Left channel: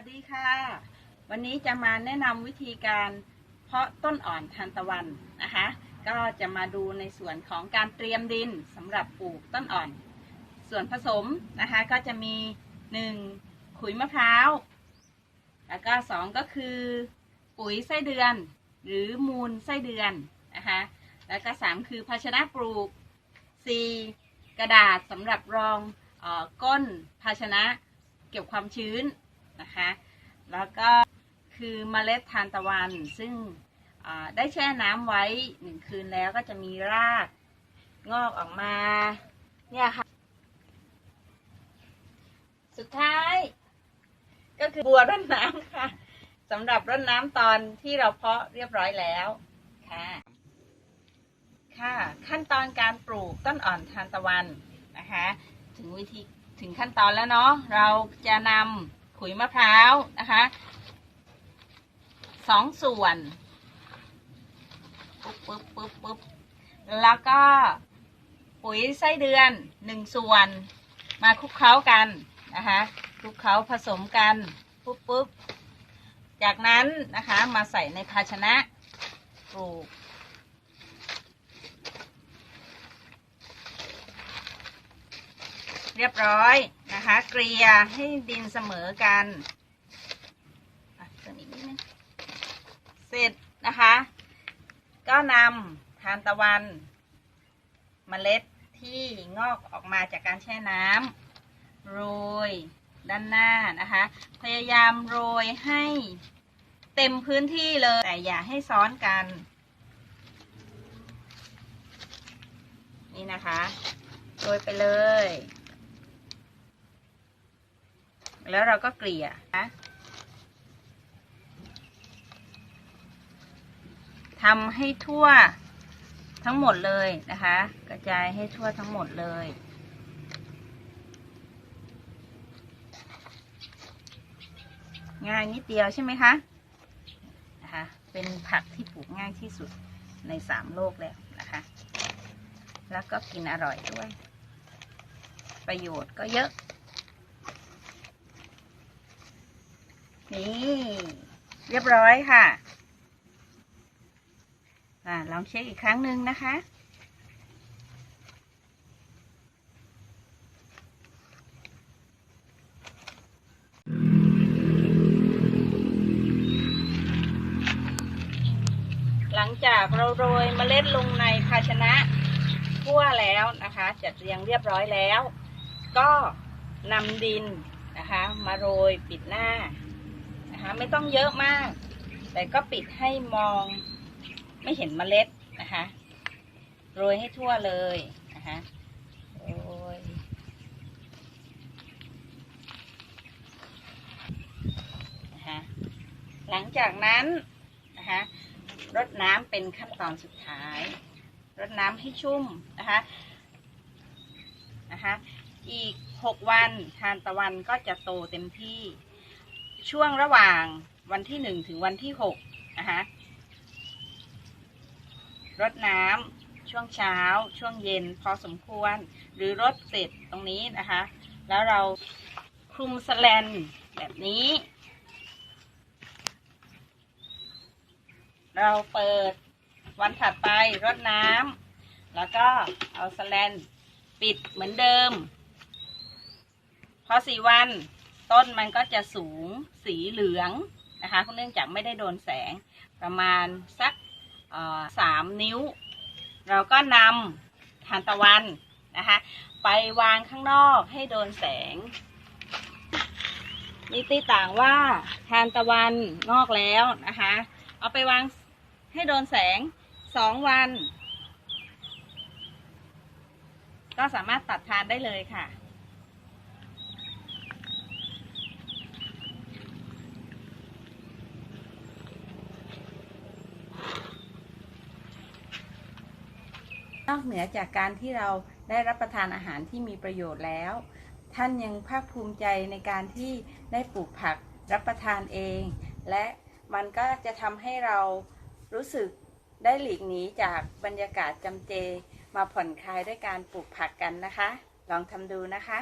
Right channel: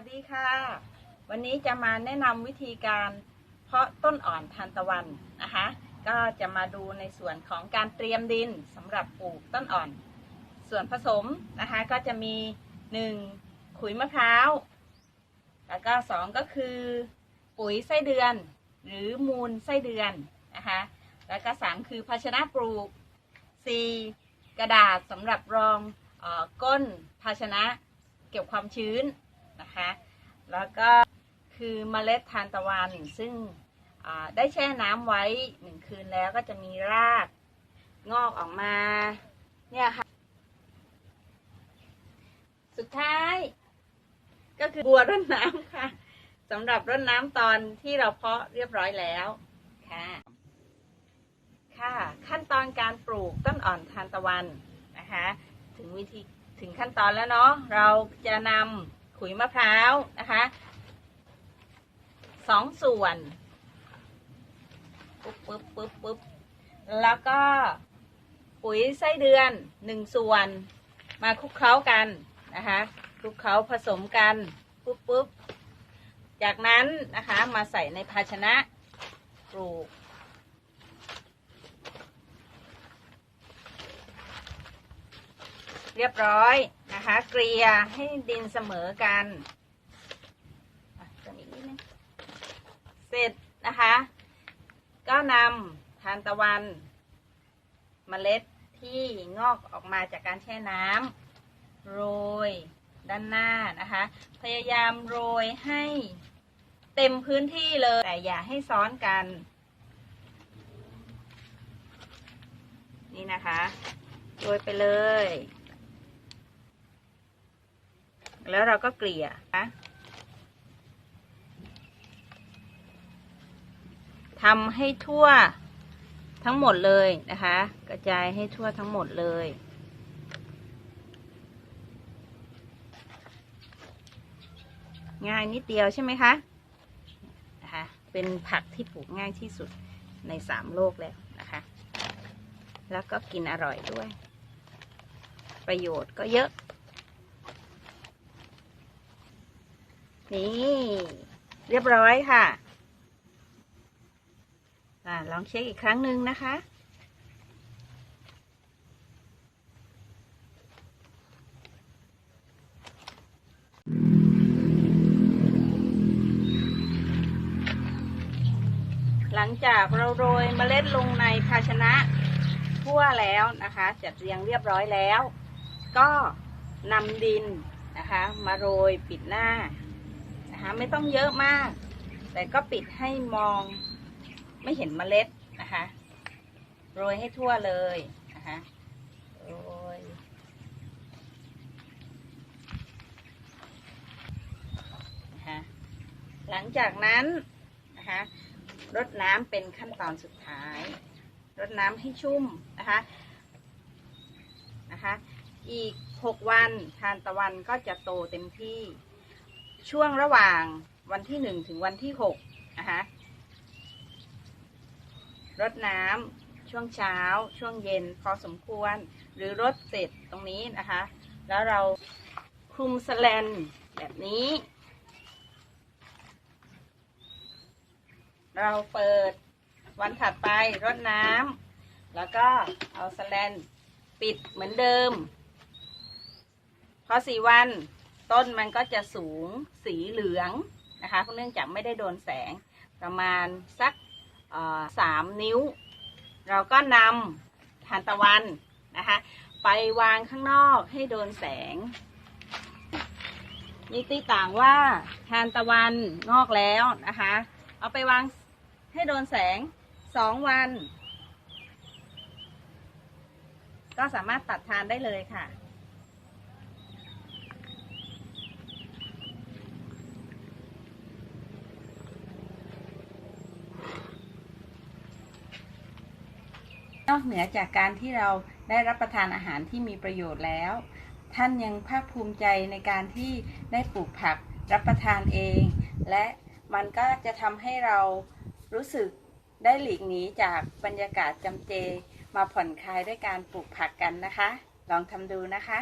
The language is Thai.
วัสดีค่ะ วันนี้จะมาแนะนำวิธีการเพาะต้นอ่อนทานตะวันนะคะ ก็จะมาดูในส่วนของการเตรียมดินสำหรับปลูกต้นอ่อน ส่วนผสมนะคะก็จะมี 1. ขุยมะพร้าว แล้วก็ 2 ก็คือ ปุ๋ยไส้เดือน หรือมูลไส้เดือนนะคะ แล้วก็ 3 คือภาชนะปลูก 4. กระดาษสำหรับรองออก้นภาชนะเก็บความชื้น นะคะ แล้วก็คือเมล็ดทานตะวันซึ่งอ่าได้แช่น้ำไว้หนึ่งคืนแล้วก็จะมีรากงอกออกมาเนี่ยค่ะ สุดท้าย ก็คือบัวรดน้ำค่ะสำหรับรดน้ำตอนที่เราเพาะเรียบร้อยแล้วค่ะค่ะ ขั้นตอนการปลูกต้นอ่อนทานตะวันนะคะ ถึงวิธีถึงขั้นตอนแล้วเนาะเราจะนำ ขุยมะพร้าวนะคะสองส่วนปุ๊บปุ๊บปุ๊บปุ๊บแล้วก็ปุ๋ยไส้เดือนหนึ่งส่วนมาคลุกเคล้ากันนะคะคลุกเคล้าผสมกันปุ๊บปุ๊บจากนั้นนะคะมาใส่ในภาชนะปลูก เรียบร้อยนะคะ เกลี่ยให้ดินเสมอกันเติมอีกนิดนึงเสร็จนะคะ ก็นำทานตะวันเมล็ดที่งอกออกมาจากการแช่น้ำโรยด้านหน้านะคะ พยายามโรยให้เต็มพื้นที่เลย แต่อย่าให้ซ้อนกัน นี่นะคะ โรยไปเลย แล้วเราก็เกลี่ยนะทำให้ทั่วทั้งหมดเลยนะคะ กระจายให้ทั่วทั้งหมดเลย ง่ายนิดเดียวใช่ไหมคะนะคะเป็นผักที่ปลูกง่ายที่สุดในสามโลกแล้วนะคะ แล้วก็กินอร่อยด้วย ประโยชน์ก็เยอะ นี่ เรียบร้อยค่ะอ่าลองเช็คอีกครั้งหนึ่งนะคะ หลังจากเราโรยเมล็ดลงในภาชนะทั่วแล้วนะคะ จัดเรียงเรียบร้อยแล้ว ก็นำดินนะคะ มาโรยปิดหน้า นะคะไม่ต้องเยอะมาก แต่ก็ปิดให้มองไม่เห็นเมล็ดนะคะโรยให้ทั่วเลยนะคะโรยนะคะหลังจากนั้นนะคะรดน้ำเป็นขั้นตอนสุดท้ายรดน้ำให้ชุ่มนะคะนะคะอีก 6 วันทานตะวันก็จะโตเต็มที่ ช่วงระหว่างวันที่หนึ่งถึงวันที่หกนะคะรดน้ำช่วงเช้า ช่วงเย็นพอสมควร หรือรดเสร็จตรงนี้นะคะ แล้วเราคลุมสแลนแบบนี้ เราเปิดวันถัดไปรดน้ำแล้วก็เอาสแลนปิดเหมือนเดิม พอสี่วัน ต้นมันก็จะสูงสีเหลืองนะคะเนื่องจากไม่ได้โดนแสงประมาณสักสามนิ้ว เราก็นำทานตะวันนะคะ ไปวางข้างนอกให้โดนแสงมีตีต่างว่าทานตะวันงอกแล้วนะคะ เอาไปวางให้โดนแสงสองวัน ก็สามารถตัดทานได้เลยค่ะ นอกเหนือจากการที่เราได้รับประทานอาหารที่มีประโยชน์แล้ว ท่านยังภาคภูมิใจในการที่ได้ปลูกผักรับประทานเอง และมันก็จะทำให้เรารู้สึกได้หลีกหนีจากบรรยากาศจำเจ มาผ่อนคลายด้วยการปลูกผักกันนะคะ ลองทำดูนะคะ